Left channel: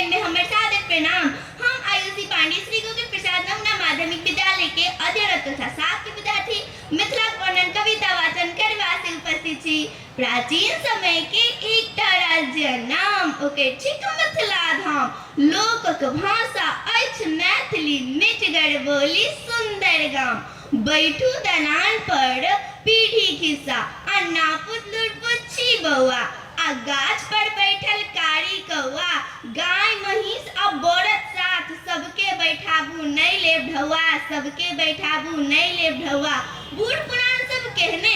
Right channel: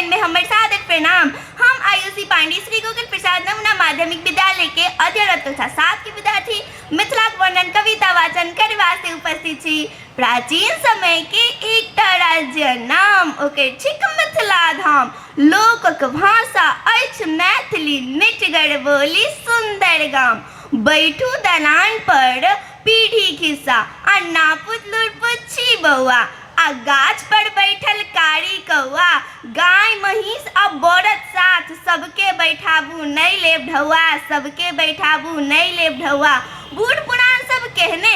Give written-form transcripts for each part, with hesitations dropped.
कार्यक्रम में हमारे सादर प्रणाम। हम आयुषी पांडे श्री गोकुल प्रसाद नमूना माध्यमिक विद्यालय के अध्ययनरत तथा 7 के विद्यार्थी मिथिलाक वर्णन कविता वाचन करवा से उपस्थित छी। प्राचीन समय के एक राज्य नाम ओकर छिक मिथिला धाम। लोकक भाषा अछि मैथिली, मिठगर बोली सुंदर गाम। बैठू दलान पर पीढ़ी खिस्सा, अन्ना पुतलुर पुच्छी बौआ, आ गाछ पर बैठल कारी कौआ। गाय महिष आ बरद साथ, सबके बैठाबू नहीं लेब ढौआ, सबके बैठाबू नहीं लेब ढौआ। बूढ़ पुराण सब कहने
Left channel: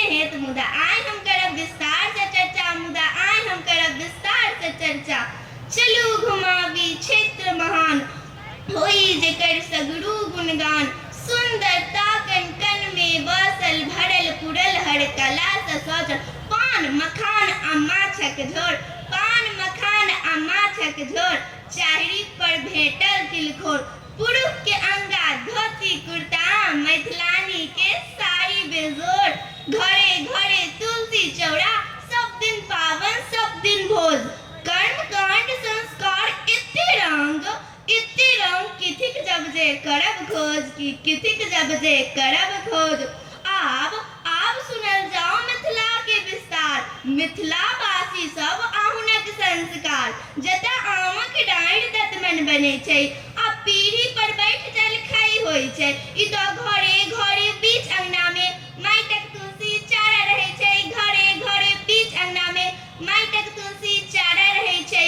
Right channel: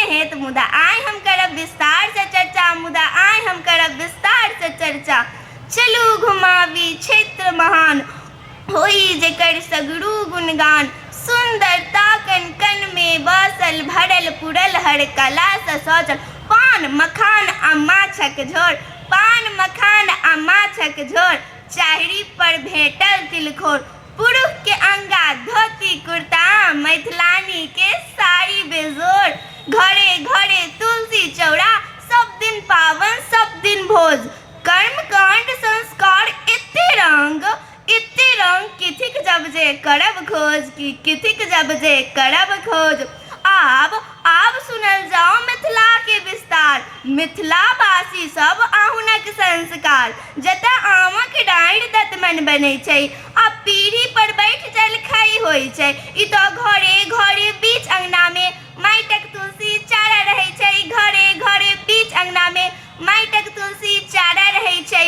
हैं तो मुदा आय हम करब विस्तार से चर्चा, मुदा आय हम करब विस्तार से चर्चा। चलू घुमावी क्षेत्र महान, होई जेकर सगरू गुणगान। सुंदरता कन कन में बसल, भरल पुरल हर कला से सजल। पान मखान आ माछक झोर, पान मखान आ माछक झोर। चाहरी पर भेटल तिलखोर, पुरुष के अंगा धोती कुर्ता, मैथिलानी के साड़ी बेजोर। घरे घरे तुलसी चौरा, सब दिन पावन सब दिन भोज। कर्म कांड संस्कार इत्ते रंग, किथिक जब जे करब खोज, की किथिक जब जे करब खोज। आब सुनल जाओ मिथिला के विस्तार, मिथिला वासी सब आहुनक संस्कार। जतऽ आमक डाँढ़ दतमन बनै छै, आ पीढ़ी पर बैठ जलखै होइ छै। ई तो घरे घरे बीच अंगना में माटिक तुलसी चारा रहै छै, घरे घरे बीच अंगना में माटिक तुलसी चारा रहै छै।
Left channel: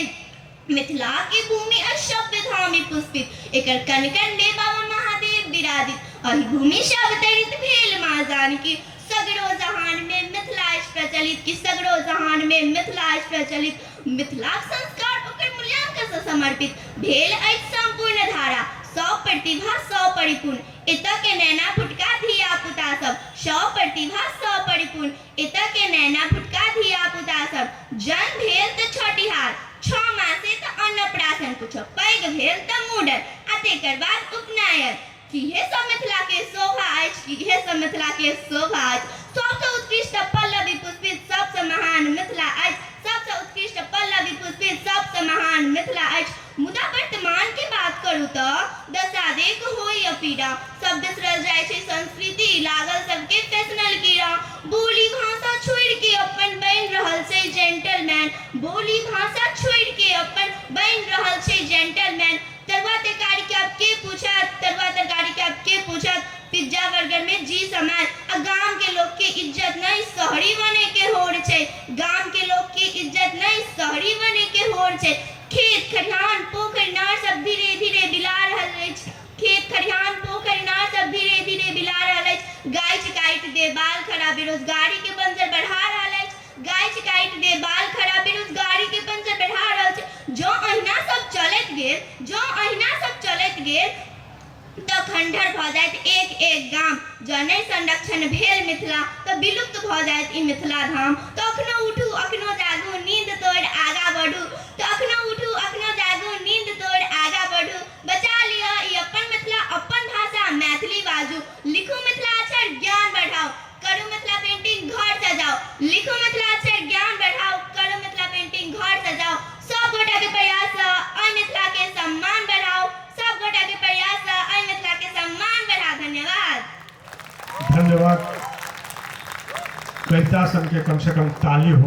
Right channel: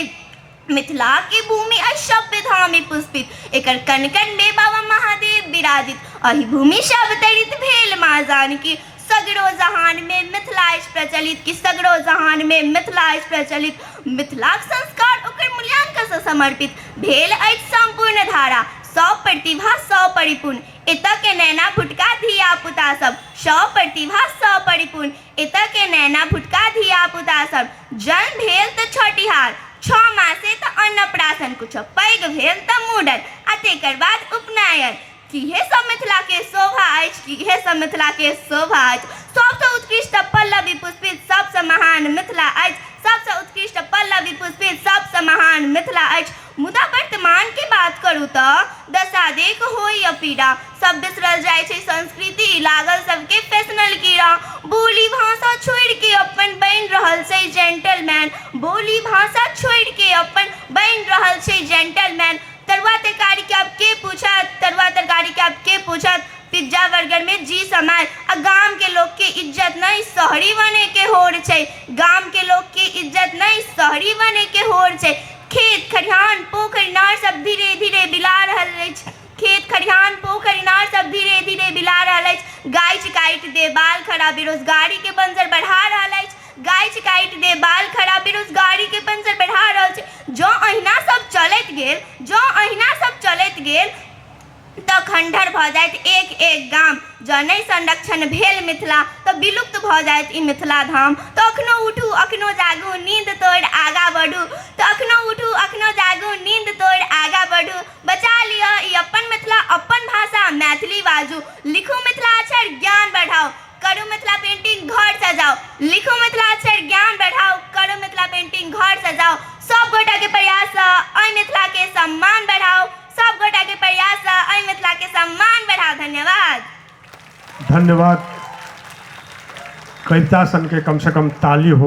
मिथिला के भूमि असभ्य धामी पुष्पित, एकर कन कन में बाबा महादेव विराजित। अहि भूमि से अवतरित भेल माँ जानकी, सगरो जहान में मिथिला प्रचलित, की सगरो जहान में मिथिला प्रचलित। मिथिलाक संस्कार ओकर मूल्यांकन से समर्पित भेल अछि संपूर्ण धारा। 100 प्रतिभा 100 परिपूर्ण, एतऽ के नैना फुटका धिया पुता सब। 100 प्रतिभा 100 परिपूर्ण, एतऽ के नैना फुटका धिया पुता सब। जन्म भेल तऽ छठिहार, 6 मासे तऽ अन्नप्राशन, कुछ पैघ भेल तऽ मूड़न, आ तेकर बाद उपनयन। इहे सब मिथिला के शोभा अछि, इहे सब मिथिला के शोभा अछि। सबसे उत्कृष्ट पल्लवी पुष्पित, सबसे महान मिथिला अछि। सबसे उत्कृष्ट पल्लवी पुष्पित, सबसे महान मिथिला अछि। मुदा वर्तमान के बात करू तऽ दशा देख होई अपीड़ा। सब बिसरल जाइ छै संस्कृति, लागल सबके फैशनल कीड़ा। बोली भाषा छोड़ के अपन बनि रहल छै जेंटलमैन, बोली भाषा छोड़ के अपन बनि रहल छै जेंटलमैन। तरुआ तरकारी के अब के पूछत, तरुआ तरकारी के अब के पूछत। पिज्जा बर्गर में जी समाज, आ गाम के लोग के इज्जत नहीं शहरी बने के होड़ छै, गाम के लोग के इज्जत नहीं शहरी बने के होड़ छै। खेत खलिहान पोखरि इनार सब धीरे धीरे बिला रहल अछि, खेत खलिहान पोखरि इनार सब धीरे धीरे बिला रहल अछि। गाछ काटि दे बाल खड़ा, बेरोजगारी के बंजर बढ़ा रहल अछि। गाछ काटि दे बाल खड़ा, बेरोजगारी के बंजर बढ़ा रहल छै। जो अहिना सब चलैत गेल, जो अहिना सब चलैत गेल तऽ खंडहर भऽ जायत एक एक गाम। जँ नहि संरक्षण भेल मिथिला तऽ विलुप्त भऽ जायत ई मिथिला धाम। तऽ अखनो उठू अखनो जागू, नींद तोड़ि आगाँ बढ़ू। तऽ अखनो उठू अखनो जागू, नींद तोड़ि आगाँ बढ़ू। बचा लिअ ई अपन मिथिला, अपन भाषा मैथिली बाजू। लिखू मिथिला अक्षर ज्ञान बढ़ाओ, करू मिथिला पेंटिंग घर सजाओ। लिखू मिथिला अक्षर ज्ञान बढ़ाओ, करू मिथिला पेंटिंग घर सजाओ। सब गोटा के प्रयास से अइ मिथिला के सम्मान बढ़ाओ, सब गोटा के प्रयास से अइ मिथिला के सम्मान बढ़ाओ। धन्यवाद। धन्यवाद। कविता सन के कम से कम ताली हो।